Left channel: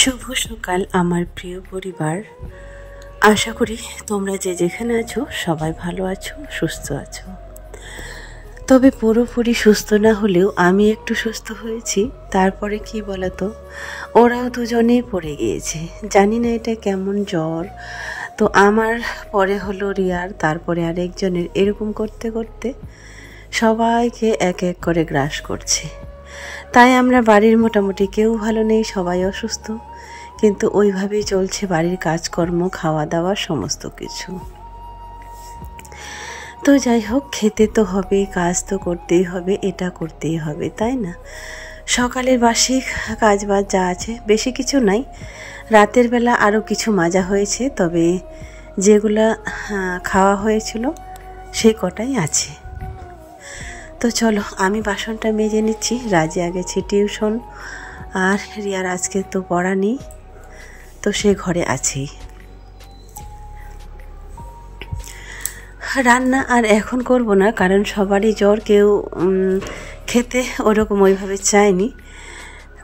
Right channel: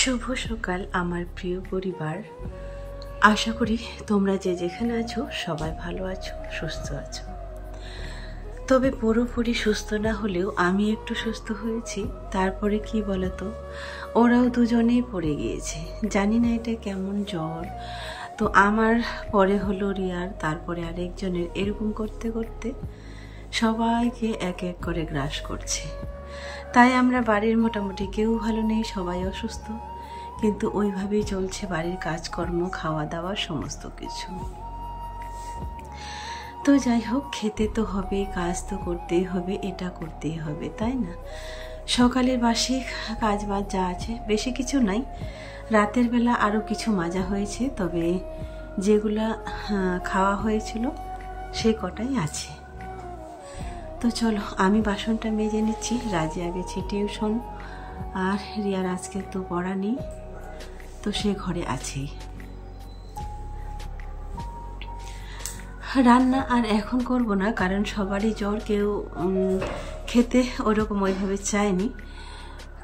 শুভ সকাল আমার প্রিয় পরিবার। আশা করি তোমরা যে যেখানে আছো সবাই ভালো আছো, সুস্থ আছো। তবে পুরোপুরি সুস্থ না হলেও আমি একটু সুস্থ হয়েছি। তারপরে কি বলতো, ওরাও দুজনেই পড়ে গিয়েছে। জানি না এটা কেমন জ্বর। তো আমার পরে হলো রিয়ার, তারপরে আরেকজনের, এরকম করতে করতে সবাইকে এক এক করে গ্রাস করছে। তাই আমরা বাড়ির মোটামুটি কেউ ভালো নেই, সবাই অসুস্থ, কিন্তু ওইভাবেই চলছে বাড়ির কাজকর্ম, খাওয়া দাওয়া, সমস্ত কিছু। তো যাই হোক, খেতে তো হবে, কাজ তো করতেই হবে, এটা করতেই হবে, তাই না? সকালের বাসি কাজ বাজ যা আছে, বেশি কিছু নাই। রাতের বেলা আরও কিছু মাজা হয়েছে, তবে যেগুলা খাওয়া হয়েছিল সেই কটাই আছে। তো চলো আমি বাসনটা মেজে নিচ্ছি। রাজিয়া গেছে টিউশন, আর রিয়ার আজকে তো পড়া নেই, তো সে ঘরে আছেই। রান্না আর এখন করব না, কারণ সবারই জ্বর, কেউ খেতে ওরকম ওইভাবে চায়নি,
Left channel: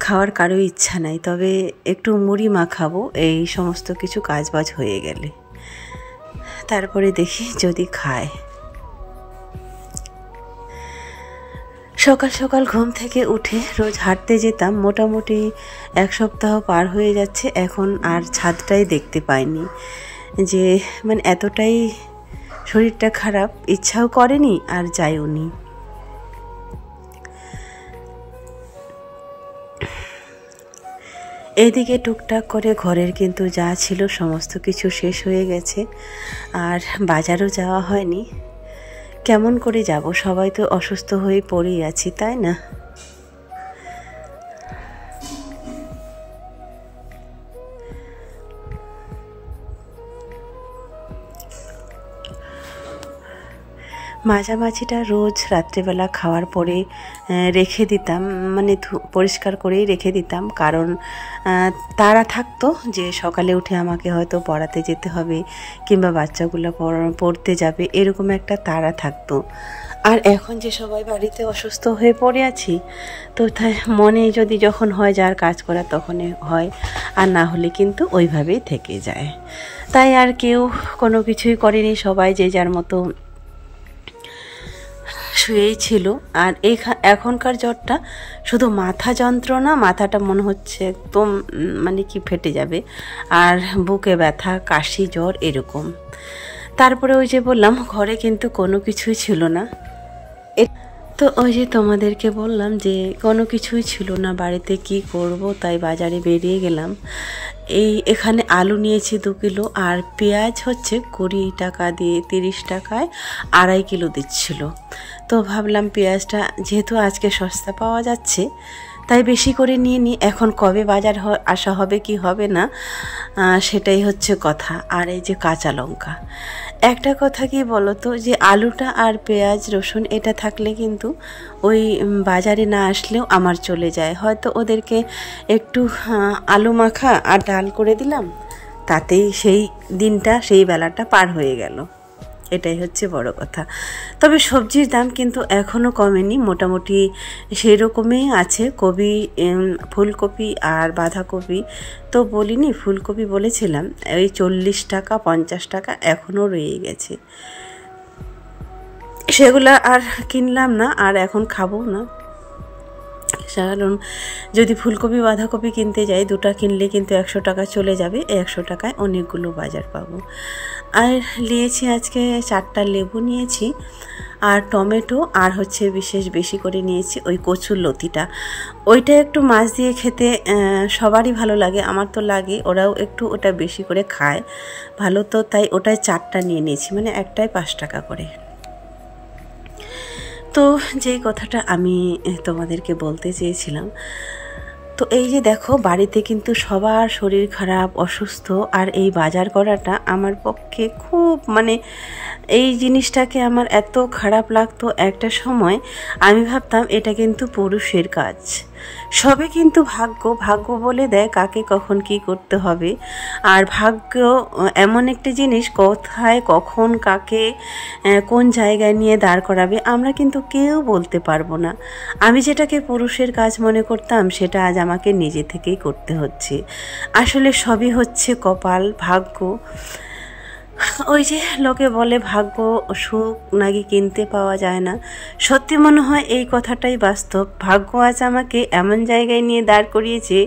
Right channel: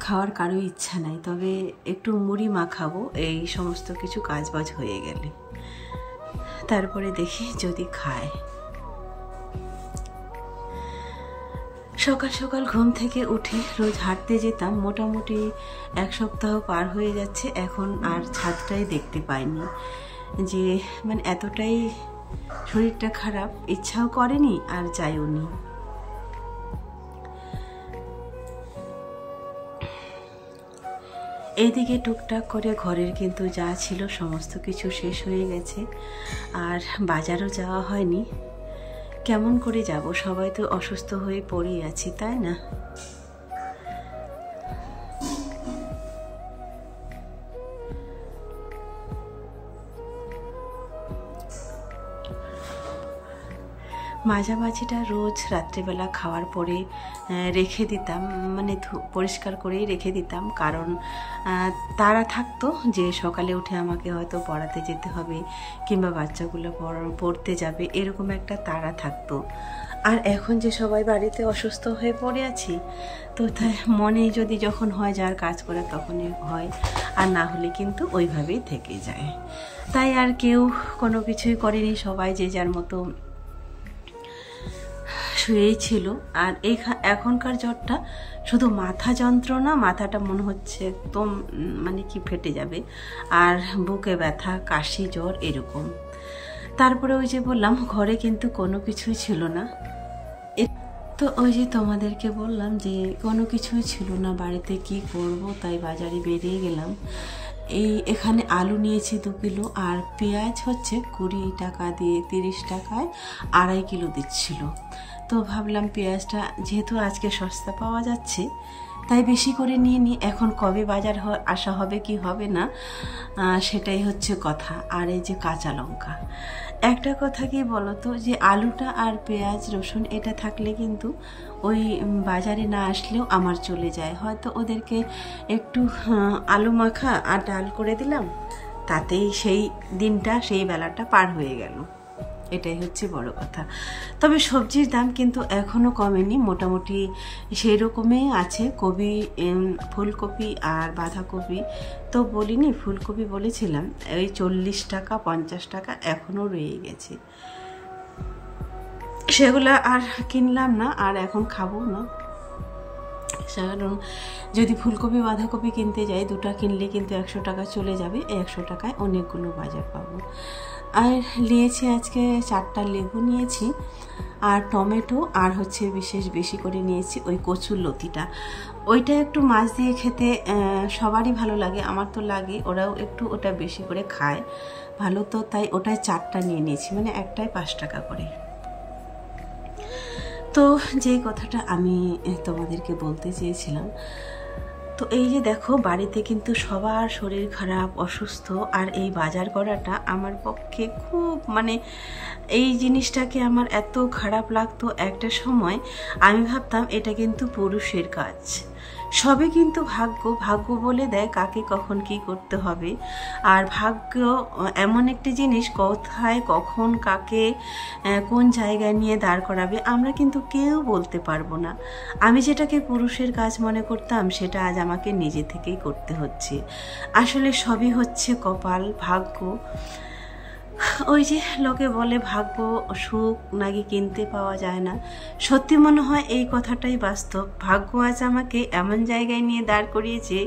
খাওয়ার কারো ইচ্ছা নাই। তবে একটু মুড়ি মাখাবো এই সমস্ত কিছু কাজবাজ হয়ে গেলে, তারপরে দেখি যদি খায়। সকাল সকাল ঘুম থেকে উঠে রোজ হাঁটতে যেতাম, মোটামুটি এক সপ্তাহ পার হয়ে যাচ্ছে, এখন আর ছাদটাই দেখতে পাইনি। যে মানে এতটাই শরীরটা খারাপ, ইচ্ছাও করেনি আর যাইও নি। এইদিকে টুকটাক করে ঘরের কিন্তু যা ছিল সমস্ত কিছু শেষ হয়ে গেছে, আর বাজারও যাওয়া হয়নি। কেমন করে যাব, সবাই তো অসুস্থ হয়ে পড়েই আছি, তাই না? মাঝামাঝিটা রোজ রাত্রেবেলা খাওয়ার পরে রেখে দিতাম, মানে পরিষ্কার করেই রেখে দিতাম, কারণ তারা থাকতো যে সকালে উঠে আমাকে হয়তো পড়াতে যেতে হবে, কিংবা বাচ্চাগুলো পড়তে যাবে, এরকম একটা তাড়া থাকতো। আর এখন যে সবাই বাড়িতে অসুস্থ হয়ে পড়ে আছি, তো তাই মনে যদি যখন হয় যার কাজ করা তখনই হয়, আর না হলে কিন্তু ওইভাবেই থেকে যায়। তাই আর কেউ কোনো কিছুই করেনি, সবাই যে যার মতো শুয়েই ছিল। আর এখনকার জ্বরটা শুধু মাথা যন্ত্রণা, মাথাটা মনে হচ্ছে একদম মানে কি ফেটে যাবে, আর বুকে ব্যথা, কাশি, জ্বর এরকম। তারপরে ওই যে বললাম, ঘরে কিন্তু কোনো কিছুই ছিল না। তো ওই যে তোমাদেরকে বললাম যে কোনো কিছুই ছিল না বাড়িতে, কি করব, তাই বাজারে বেরিয়ে গেলাম। এখানে আলু নিয়েছি 2 কিলো, আর পেঁয়াজ হচ্ছে 20 টাকা দিয়ে 30 টাকায় 2.5 কিলো দিচ্ছিল। তো ভাবলাম পেঁয়াজটা যেহেতু আজকে সস্তা পাওয়া যাচ্ছে, তাই বেশি করে নিয়ে নিই। এখন কবে বাজার আসা হবে কি হবে না, সেটাই হচ্ছে কথা। আর এই যে কাঁচা লঙ্কা, একটা কথা কি বলতো, যে আলুটা আর পেঁয়াজ রসুন এটা থাকলে কিন্তু ওই বাজারে না আসলেও আমার চলে যায়। হয়তো ওদেরকে একটু আলু মাখা আর ডাল করে দিলাম, তাতেই সেই দিনটা, সেই বেলাটা পার হয়ে গেল। এটাই হচ্ছে বড় কথা। তবে সবজির দাম কিন্তু এখনও কমেনি, মোটামুটি সেই রকমই আছে। কপি, ফুলকপি আর বাঁধাকপি তো বলিনি, ফুলকপি বলেছিলাম, ওই 40 টাকা 50 টাকা এখনও রয়ে গেছে। সেগুলা আর কিনলাম না, আর এখন খাবো না, কারণ যদি ফুলকপি বাঁধাকপি কিনতে যাই, 2টা কিনলে কিন্তু 100 টাকা চলে যাবে। 100 টাকায় অনেকগুলো বাজার পাবো। আর নিয়েছি আজকে 4টা লেবু নিয়েছি, আর টমেটো, আর হচ্ছে বিশেষ বেশি করে নিয়েছি ওই কচুর লতিটা। ওইটা একটু মাছ দিয়ে খেতে সবারই ভালো লাগে, আমার তো লাগে, ওরাও একটু ওটা বেশি করে খায় ভালো, তো তাই ওটাই 4টা নিয়ে নিয়েছি, মানে একটাই 5 টাকা করে। তো যেই কথাটা আমি তোমাদেরকে বলতে চেয়েছিলাম, তো এই যে দেখো, বাড়িতে কিন্তু সবার শরীর খারাপ, অসুস্থ, আর এই বাজার করাটা আমার পক্ষে খুব, মানে এই জিনিসটাকে আমার এত খারাপ লাগতো। একটা সময় আমি ভাবতাম এটা কিন্তু পুরুষের কাজ, সবই কিন্তু ভাগ্য, ভাগ্য বলে দেয় কাকে কখন কি করতে হবে। আর ভাগ্য এমন একটি জিনিস, কোথায় কখন কাকে কোন জায়গায় নিয়ে দাঁড় করাবে আমরা কিন্তু কেউ বলতে পারবো না। আমি যেটাকে পুরুষের কাজ মনে করতাম সেটা আজ আমাকে নিজে থেকেই করতে হচ্ছে। আসলে সবই হচ্ছে কপাল, ভাগ্য। ওই যে লোকে বলে ভাগ্য সুখ নাকি কিনতে পাওয়া যায় না, সত্যি মনে হয় এই কথাটাই বাস্তব। ভাগ্য আজ আমাকে এমন জায়গায় নিয়ে দাঁড় করিয়েছে,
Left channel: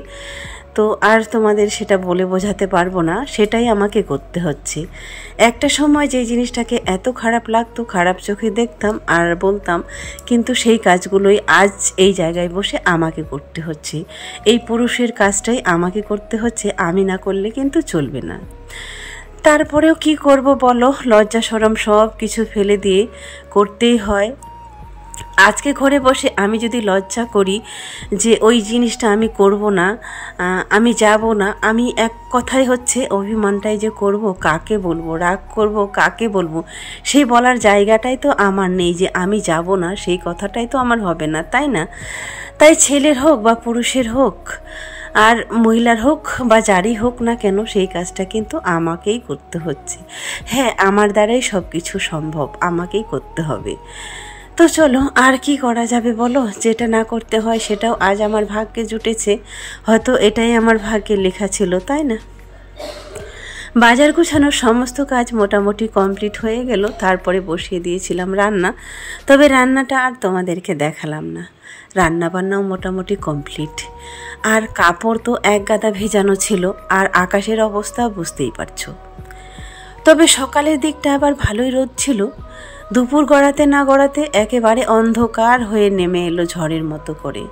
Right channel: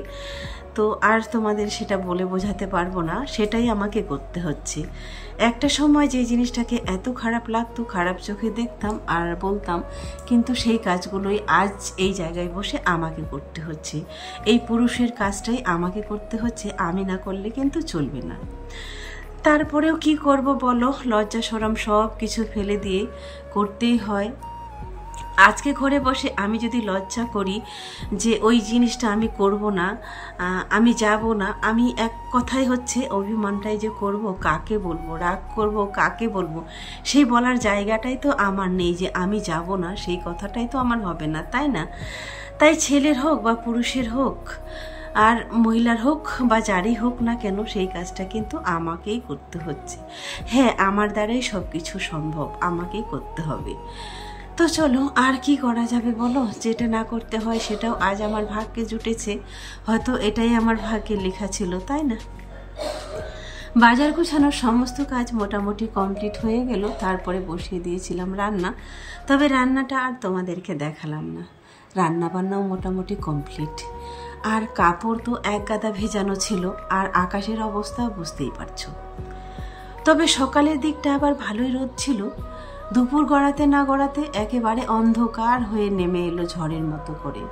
তো আর তোমাদের সেটা বলে বোঝাতে পারবো না, সেটাই আমাকে করতে হচ্ছে। একটা সময় যেই জিনিসটাকে এত খারাপ লাগতো, খারাপ চোখে দেখতাম আর বলতাম, কিন্তু সেই কাজগুলোই আজ এই জায়গায় বসে আমাকে করতে হচ্ছে। এই পুরুষের কাজটাই আমাকে করতে হচ্ছে, আমি না করলে কিন্তু চলবে না। তারপরেও কি করব বলো, লজ্জা শরম সব কিছু ফেলে দিয়ে করতেই হয়। আজকে ঘরে বসে আমি যদি লজ্জা করি যে ওই জিনিসটা আমি করব না, আমি যাব না, আমি এক কথাই হচ্ছে অভিমানটাই যে করব, কাকে বলবো, রাগ করব কাকে বলবো, সেই বলার জায়গাটাই তো আমার নেই যে আমি যাব না, সেই কথাটাই তো আমার হবে না, তাই না? তাই ছেলের হোক বা পুরুষের হোক, আর মহিলার হোক বা যারই হোক না কেন, সেই কাজটা কিন্তু আমাকেই করতে হচ্ছে। হ্যাঁ, আমার দ্বারাই সব কিছু সম্ভব, আমাকেই করতে হবে। তো চলো, আর কি করা যাবে বলো, যেটা না করতে হয় সেটাও আজ আমার ভাগ্যে জুটেছে, হয়তো এটাই আমার ভাগ্যে লেখা ছিল, তাই না? বাজার গুছানোর সমস্ত কাজ মোটামুটি কমপ্লিট হয়ে গেল, তারপরে বসিয়ে দিয়েছিলাম রান্না। তবে রান্নাটা আর তোমাদেরকে দেখালাম না, রান্না বান্নাও মোটামুটি কমপ্লিট। আর কাপড় তো এক গাদা ভেজানো ছিল, আর আকাশের অবস্থা বুঝতেই পারছো। তবে সকালের দিকটা আবার ভালোই রোদ ছিল, দুপুর গড়াতে না গড়াতে একেবারে অন্ধকার হয়ে নেমে এলো ঝড়ের মতো করে।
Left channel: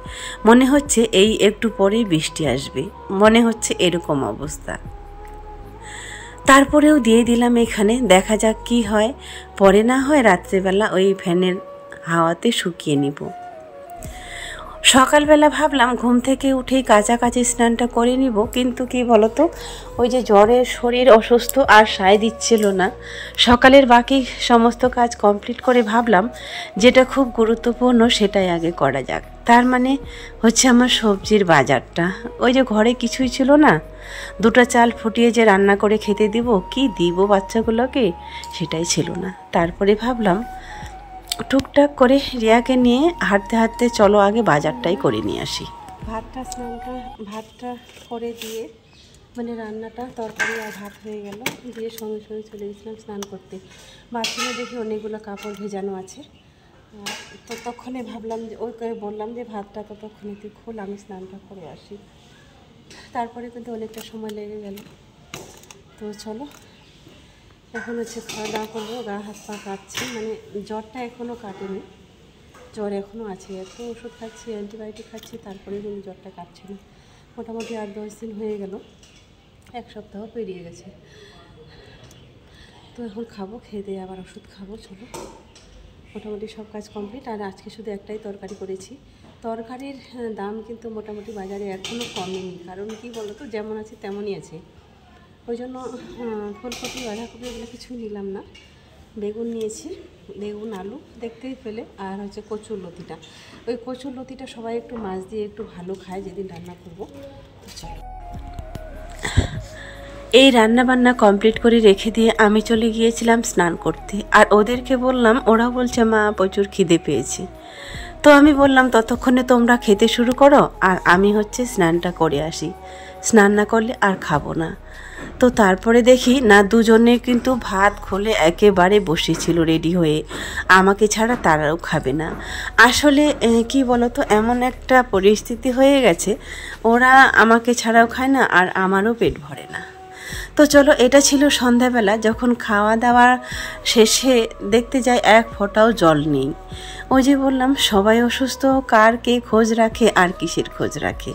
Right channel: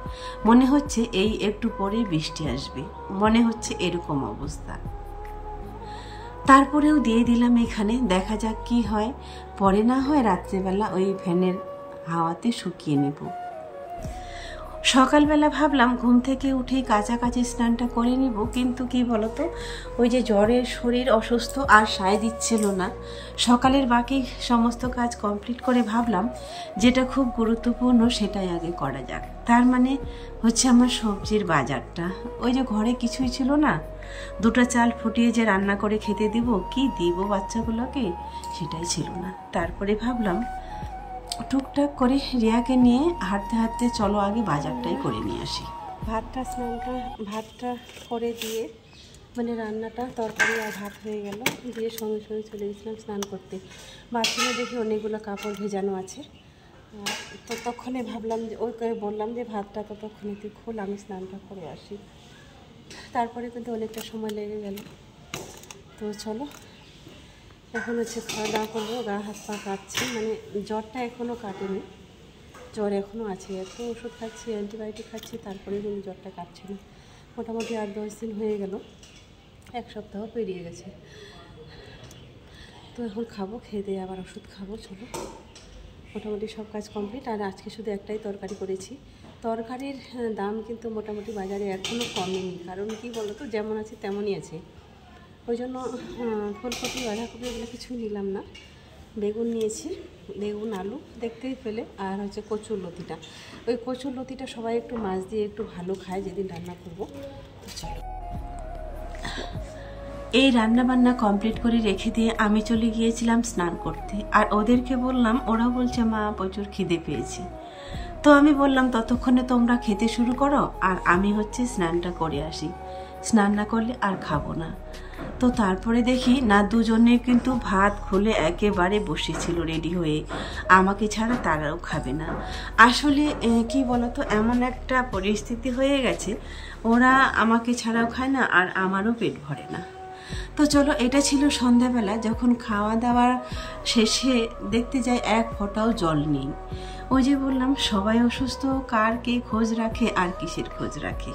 মনে হচ্ছে এই একটু পরেই বৃষ্টি আসবে, মনে হচ্ছে এরকম অবস্থা। তারপরেও দিয়ে দিলাম এখানে, দেখা যাক কি হয়, পরে না হয় রাত্রেবেলা ওই ফ্যানের হাওয়াতে শুকিয়ে নিব। সকালবেলা ভাবলাম ঘুম থেকে উঠেই কাছাকাছি স্নানটা করে নিব, কিন্তু কি বলতো, ওই যে জ্বরে শরীর অসুস্থ আর সায় দিচ্ছিল না। সকালের বাকি সমস্ত কাজ কমপ্লিট করে ভাবলাম যেটা খুব গুরুত্বপূর্ণ সেটাই আগে করা যাক। তার মানে হচ্ছে আমার সবজির বাজারটা। ওই যে ঘরে কিছুই ছিল না, দুটো চাল ফুটিয়ে যে রান্না করে খেতে দিব, কি দিব বাচ্চাগুলোকে, সেটাই ছিল না। তারপরে ভাবলাম টুকটাক করে রিয়াকে নিয়ে হাঁটতে হাঁটতে চলো আগে বাজারটাই করে নিয়ে আসি। ভাতটা করে দিয়ে, মানে রান্নাটা, তরকারি আর ভাত হয়ে গেল, দিয়ে সঙ্গে সঙ্গে চলে গেছিলাম স্নান করতে। বাথরুমে দেখি অনেকগুলো কাপড় ভেজানো আছে, ততক্ষণে ভাবলাম যে ওই করে বললাম যে ভাতটা ততক্ষণে তুই খোল, আমি স্নানটা করে আসি। তারপরে কিন্তু অনেকটা সময় লেগে গেল। তো চলো, এখন হচ্ছে খাওয়া দাওয়া করবো। গা হাত পা কাটছি, মানে জ্বরটা এখনও কাটেনি, জ্বর এখনও আছে, এত ওষুধ খাচ্ছি, অ্যান্টিবায়োটিক খাচ্ছি, তারপরে কিন্তু জ্বরটা কাটছে না। মোটামুটি 8-10 দিন হয়ে গেল, এক সপ্তাহ পেরিয়ে গেছে। তো এখন খাবো, খেয়ে দিয়ে আবার ওষুধ খাবো। চলো, মোটামুটি সব কাজ কমপ্লিট। আর আজকে শুধু একটাই তরকারি করেছি। তরকারির দাম কিন্তু মোটামুটি বাজারে এখনও কমেনি, কারণ কি বলো তো, যেমন আছে তেমনই আছে। ওই জন্য ফুলকপি, বাঁধাকপি এগুলো কিছুই নিলাম না। বেগুন নিয়েছি, বেগুন আলু দেখতেই পেলে, আর হচ্ছে কচুর লতিটা। ওই কচুর লতিটা সবাই একটু মাছ দিয়ে একটু ভালো খায় যেদিন রান্না করব। তো চলো, এই রান্না বান্না কমপ্লিট করে রেখে দিয়ে আমি চলে গিয়েছিলাম স্নান করতে। আর ওদেরকে বললাম, ওরা বলছে মা প্রচুর খিদে পেয়েছে। তো আমি বললাম ততক্ষণে তোমরা খেতে শুরু করো, আর আমি হচ্ছে স্নানটা করে আসি, স্নান না করলে আর খাবো না। তো তারপরে দেখি না, দুজনে কিন্তু ভাত খুলে একেবারে বসেছিল রেডি হয়ে, আমাকে ছাড়া তারাও খাবে না। আসলে কি বলতো, এমন একটা পরিস্থিতি হয়ে গেছে, ওরা আমাকে ছাড়াও খায় না, আর আমারও পেট ভরে না। তো চলো, এটা ছিল সন্ধ্যাবেলা, যখন খাওয়া দাওয়া শেষে দেখতে যাই এক ফোঁটাও জল নেই। ওই যে বললাম সবাই অসুস্থ, কার কে খোঁজ রাখে আর কিসের খোঁজ রাখে।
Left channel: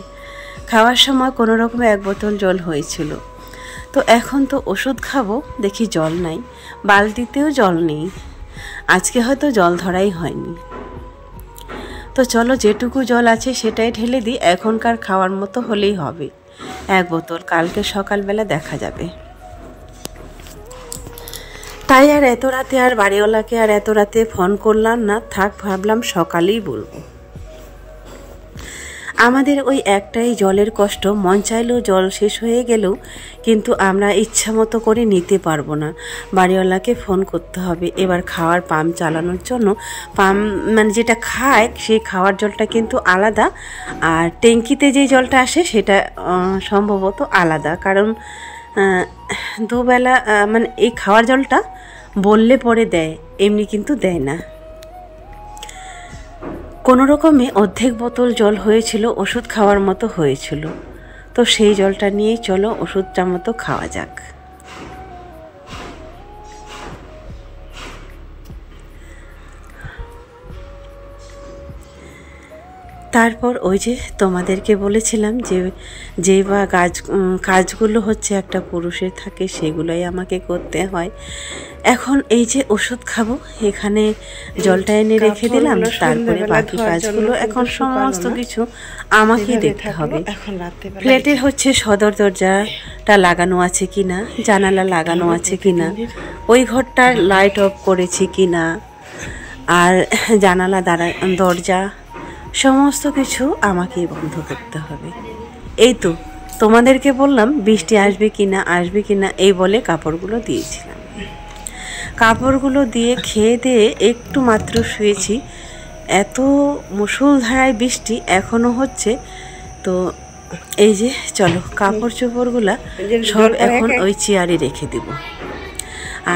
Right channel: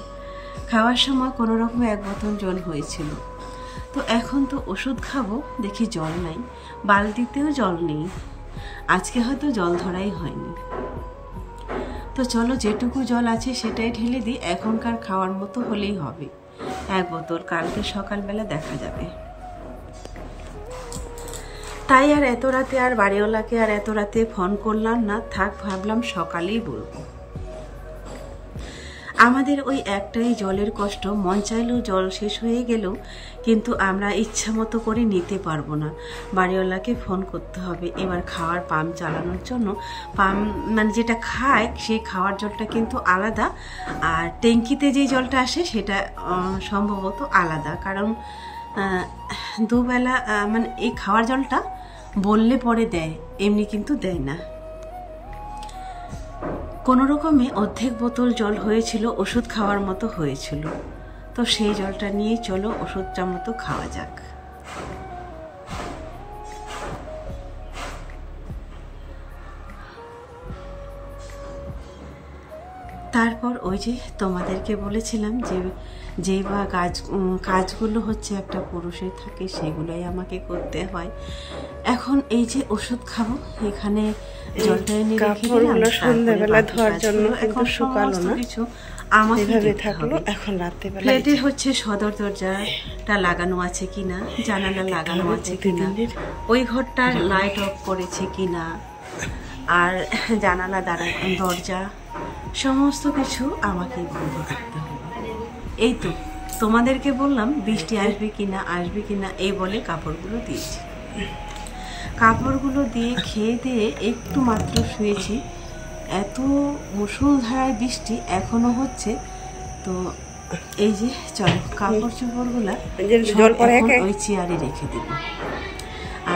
খাওয়ার সময় কোনো রকমে 1 বোতল জল হয়েছিল, তো এখন তো ওষুধ খাবো, দেখি জল নাই, বালতিতেও জল নেই। আজকে হয়তো জল ধরাই হয়নি। তো চলো, যেটুকু জল আছে সেটাই ঢেলে দিই, এখনকার খাওয়ার মতো হলেই হবে। 1 বোতল, কালকে সকালবেলা দেখা যাবে। তাই আর এত রাতে আর বাড়িওয়ালাকে আর এত রাতে ফোন করলাম না, থাক, ভাবলাম সকালেই বলবো। আমাদের ওই একটাই জলের কষ্ট, মন চাইলেও জল শেষ হয়ে গেলেও কিন্তু আমরা ইচ্ছা মতো করে নিতে পারবো না, বাড়িওয়ালাকে ফোন করতে হবে। এবার খাওয়ার পাম্প চালানোর জন্য পাম্প মানে যেটা খায় সেই খাওয়ার জলটা কিন্তু আলাদা, আর ট্যাঙ্কিতে যে জলটা আসে সেটা সম্ভবত আলাদা, কারণ দুবেলা মানে এই খাওয়ার জলটা বললে পরে দেয়, এমনি কিন্তু দেয় না। কোনো রকমে অর্ধেক বোতল জল হয়েছিল, ওষুধ খাওয়ার মতো হয়েছিল, তো সেই জলটা নিয়েই চলো ওষুধটা মতো খাওয়া যাক। তারপর ওই যে তোমাদেরকে বলেছিলাম যে বা কাজগুলো হচ্ছে একটা পুরুষের থাকে, সেগুলোই আমাকে করতে হয়। এখন এই যে ওষুধ খাবো, এখানে জলটা এনে রেখে দিলাম, এখন সমস্ত কিছু আমাকে দেখতে হবে। এখন রাত্রেবেলা ফ্ল্যাটে হচ্ছে সদর দরজাটা লাগানো আছে কিনা, জানালা লাগানো আছে কিনা, ওই ঘরটার লাইট অফ করেছে কিনা, আর জানালা দরজা সমস্ত কিছু আমাকেই বন্ধ করতে হবে। এই তো তোমাদেরকে বললাম বৃষ্টি আসবে কিনা এই বলে কাপড়গুলো দিয়েছিলাম। কাপড়গুলো দিয়ে খেয়ে দিয়ে একটু মাত্র শুয়েছি, এত মুষলধারায় বৃষ্টি এখনো হচ্ছে। তো এই যে চলো কাপড় চোপড়গুলা সব এখন ওই চেয়ারে রেখে দিব।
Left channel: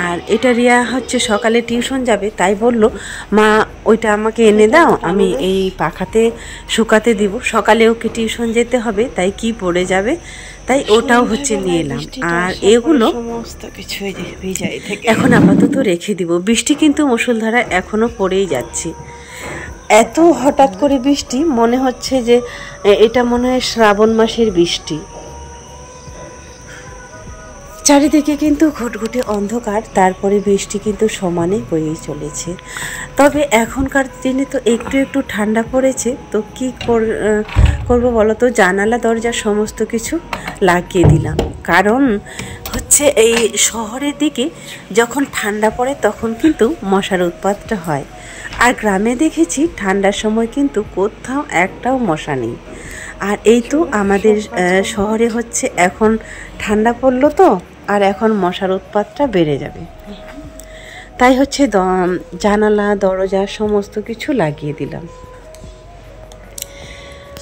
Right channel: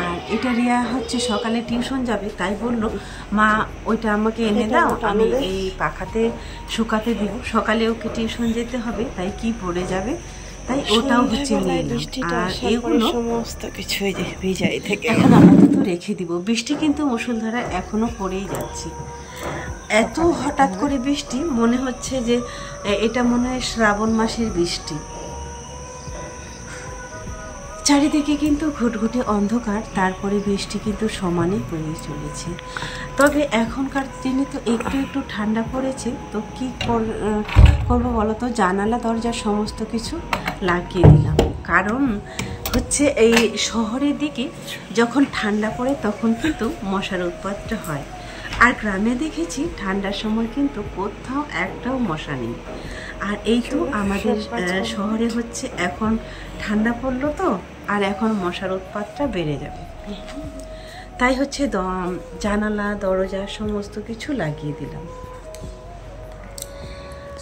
আর এটা রিয়া হচ্ছে সকালে টিউশন যাবে, তাই বললো মা ওইটা আমাকে এনে দাও, আমি এই পাখাতে শুকাতে দিব, সকালে ওকে টিউশন যেতে হবে, তাই কি পড়ে যাবে, তাই ওটাও হচ্ছে নিয়ে এলাম। আর এগুলো সমস্ত কিছু ভিজাই থেকে এখন আপাতত রেখে দিব। বৃষ্টি কিন্তু মুষলধারা এখনো পড়েই যাচ্ছে, এত হঠাৎ করে বৃষ্টি, মনে হচ্ছে যে এটা মনে হয় শ্রাবণ মাসের বৃষ্টি। চারিদিকে কিন্তু ঘুটঘুটে অন্ধকার, তারপরে বৃষ্টি কিন্তু সমানে বয়েই চলেছে। তবে এখনকার দিনে তো একটু একটু ঠান্ডা পড়েছে, তো কী করবো বলো তো, জানালা দরজা সমস্ত কিছু লাগিয়ে দিলাম। কারণ হচ্ছে এই শহরের দিকে যখন ঠান্ডা পড়ে তখন কিন্তু মশার উৎপাতটা হয়, আর গ্রামে দেখেছি ঠান্ডার সময় কিন্তু কোথাও একটাও মশা নেই। আর এই তো আমাদের শহরে হচ্ছে এখন ঠান্ডা পড়লো তো, আর এখন মশার উৎপাতটা বেড়ে যাবে, তাই হচ্ছে জানালা দরজা সমস্ত কিছু লাগিয়ে দিলাম।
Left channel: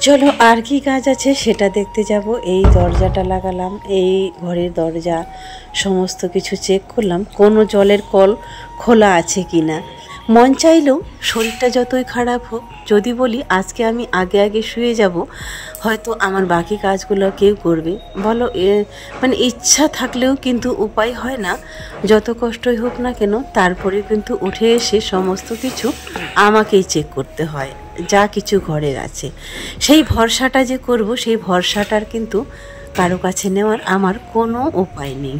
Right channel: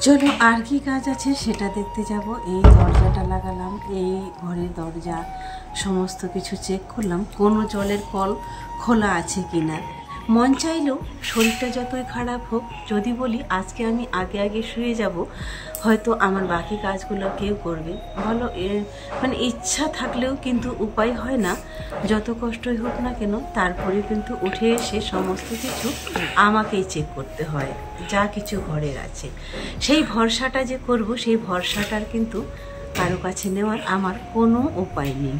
চলো আর কি কাজ আছে সেটা দেখতে যাব। এই দরজাটা লাগালাম, এই ঘরের দরজা সমস্ত কিছু চেক করলাম, কোনো জলের কল খোলা আছে কি না। মন চাইলেও শরীরটা যতই খারাপ হোক, যদি বলি আজকে আমি আগে শুয়ে যাব, হয়তো আমার বাকি কাজগুলো কেউ করবে বলো, মানে ইচ্ছা থাকলেও কিন্তু উপায় হয় না, যত কষ্টই হোক না কেন তারপরে কিন্তু উঠে এসে সমস্ত কিছু আমাকেই চেক করতে হয়, যা কিছু ঘরের আছে। সেই ভরসাটা যে করব, সেই ভরসাটার কিন্তু কারো কাছে নেওয়ার আমার কোনো উপায় নেই।